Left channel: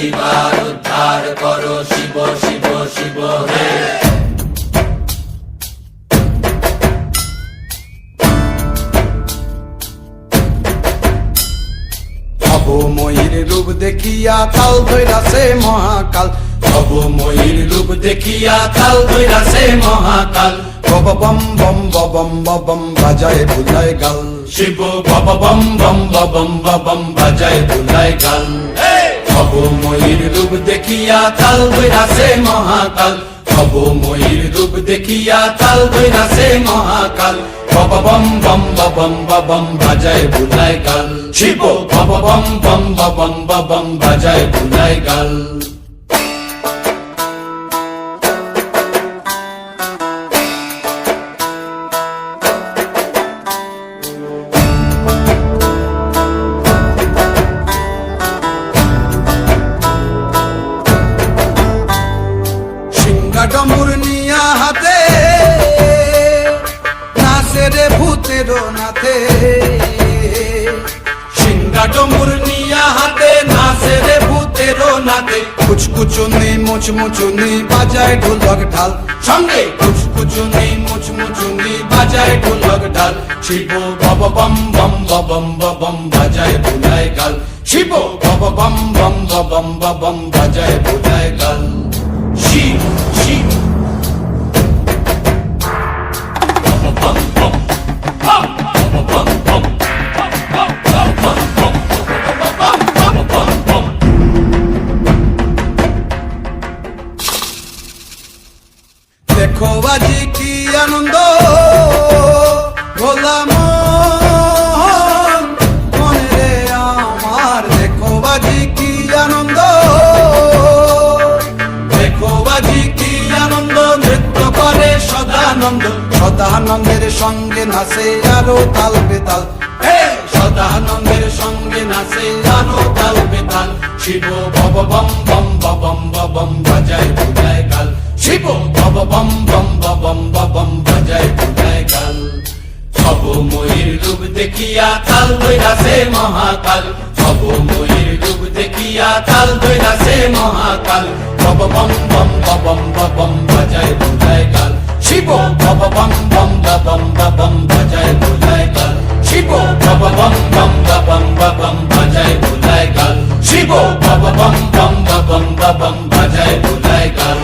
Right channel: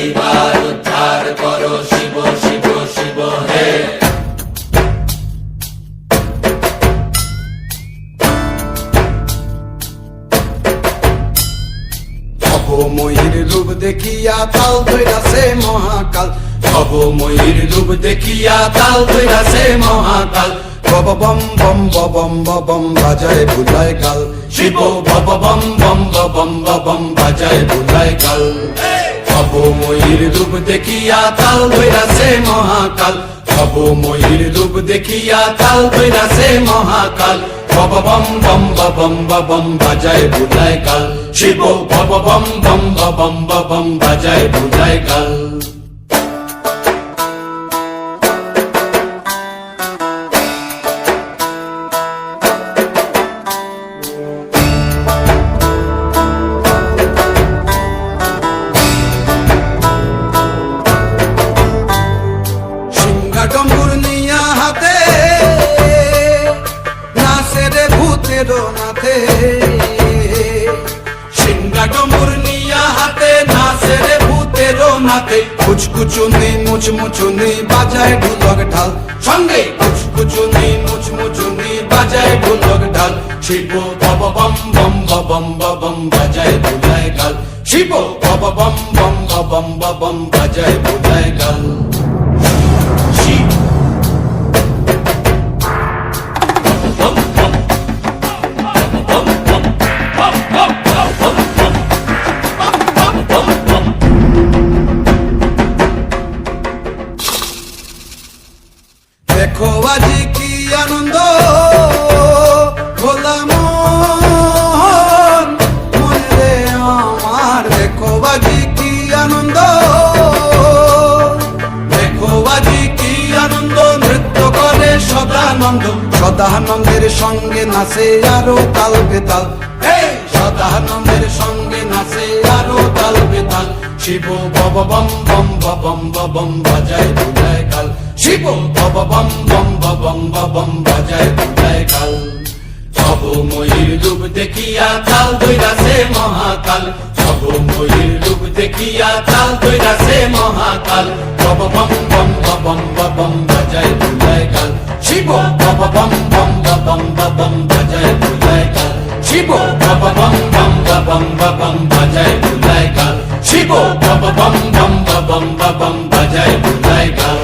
এইবার উদ্ধার করো শিব শিব শিব হে। ভবময়ীর রূপ দেখিয়া তাল ধইরাছে মহাকাল, ভবময়ীর রূপ দেখিয়া তাল ধইরাছে মহাকাল। বব বম বম বম বম বাজায় বুলায় গাল, শিব বব বম বম বম বম বাজায় বুলায় গাল। ভবময়ীর রূপ দেখিয়া তাল ধইরাছে মহাকাল, ভবময়ীর রূপ দেখিয়া তাল ধইরাছে মহাকাল। বব বম বম বম বাজায় বুলায় গাল, শিব বব বম বম বম বাজায় বুলায় গাল। ডম্বুর নিয়া হাতে নাচে রে ভূতের নাথে, সিংহা ডমুর নিয়া হাতে নাচে রে ভূতের নাথে। কুচকুচুনি মুচমুচুনি বাজায় ঢোলক ঢাল, সঙ্গে কুচকুচুনি মুচমুচুনি বাজায় ঢোলক ঢাল। শিব বব বম বম বম বাজায় বুলায় গাল, শিব বব বম বম বম বাজায় বুলায় গাল। শিব শিব দেখো আজি কি আনন্দ ভোলা মন মনে রে আমার, দেখো আজি কি আনন্দ, দেখো আজি কি আনন্দ, নৃত্য করে সদানন্দ। সদানন্দের সঙ্গে নাচে আরো তাল বেতাল, সদানন্দের সঙ্গে নাচে আরো তাল বেতাল। শিব বব বম বম বাজায় বুলায় গাল, শিব বব বম বম বাজায় বুলায় গাল। ভবময়ীর রূপ দেখিয়া তাল ধইরাছে মহাকাল, ভবময়ীর রূপ দেখিয়া তাল ধইরাছে মহাকাল। বব বম বম বাজায় বুলায় গাল, শিব বব বম বম বাজায় বুলায় গাল, শিব বব বম বম বাজায় বুলায় গাল, শিব বব বম বম বাজায় বুলায় গাল।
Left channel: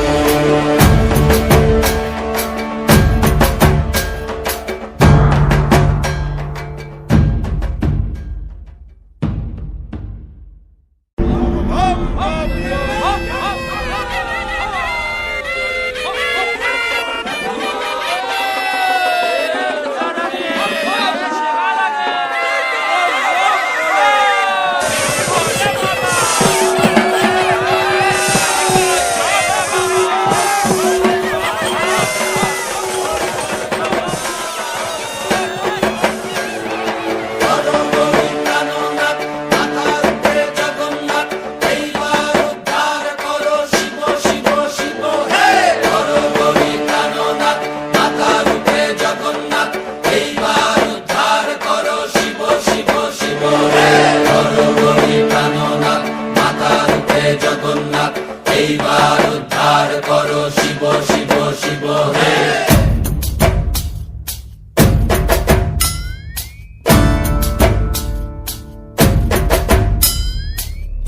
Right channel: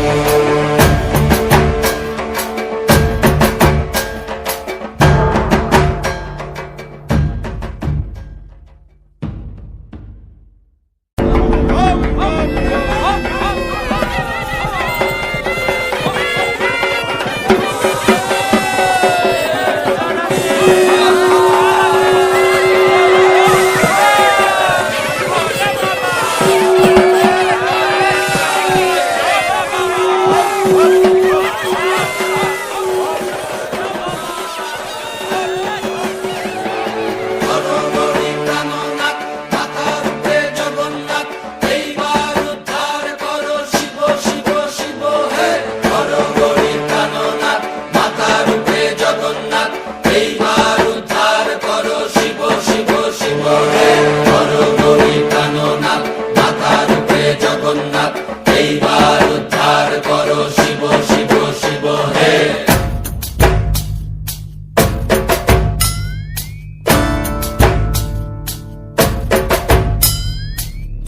এইবার উদ্ধার করো শিব শিব শিব হে।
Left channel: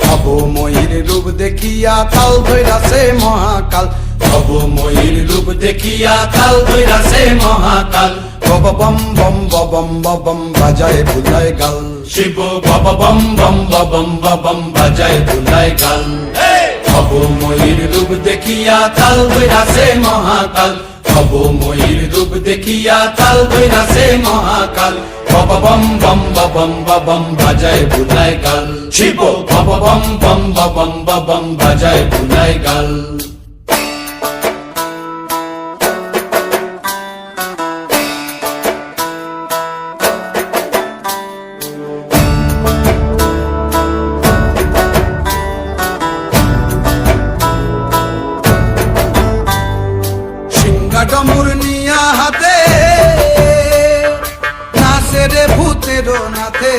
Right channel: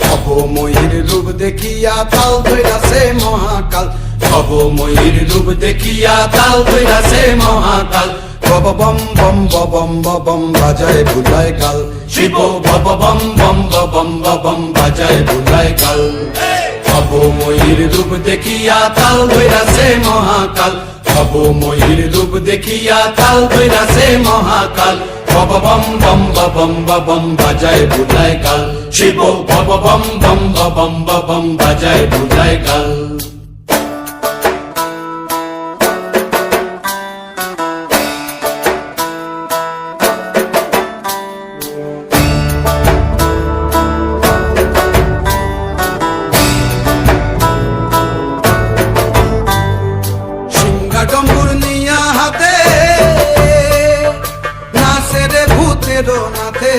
ভবময়ীর রূপ দেখিয়া তাল ধইরাছে মহাকাল, ভবময়ীর রূপ দেখিয়া তাল ধইরাছে মহাকাল। বব বম বম বাজায় বুলায় গাল, শিব বব বম বম বাজায় বুলায় গাল। ভবময়ীর রূপ দেখিয়া তাল ধইরাছে মহাকাল, ভবময়ীর রূপ দেখিয়া তাল ধইরাছে মহাকাল। বব বম বম বাজায় বুলায় গাল, শিব বব বম বম বাজায় বুলায় গাল। ডম্বুর নিয়া হাতে নাচে রে ভূতের নাথে,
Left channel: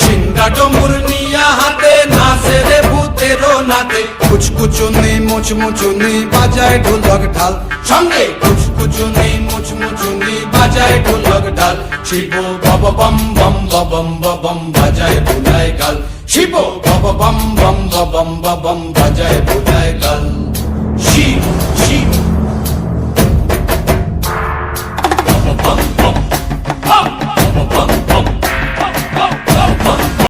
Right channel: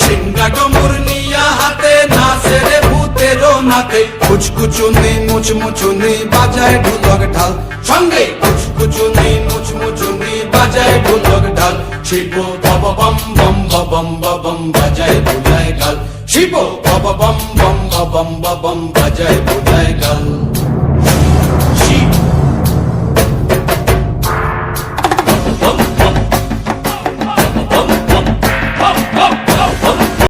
সিংহা ডমুর নিয়া হাতে নাচে নাতে কুচকুচুনি মুচমুচুনি বাজায় ঢোলক ঢাল, সঙ্গে কুচকুচুনি মুচমুচুনি বাজায় ঢোলক ঢাল। শিব বব বম বম বম বম বাজায় বুলায় গাল, শিব বব বম বম বম বম বাজায় বুলায় গাল।